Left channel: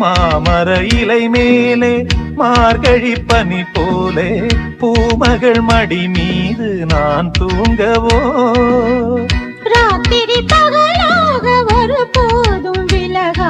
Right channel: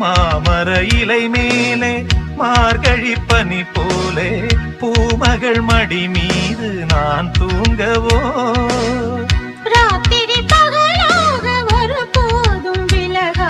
மாமர இலை மேலே மார்கழி பனி போலே பூமகள் மடி மீது நான் தூங்கவோ ராத்திரி பகலாக ஒரு போதும் விலகா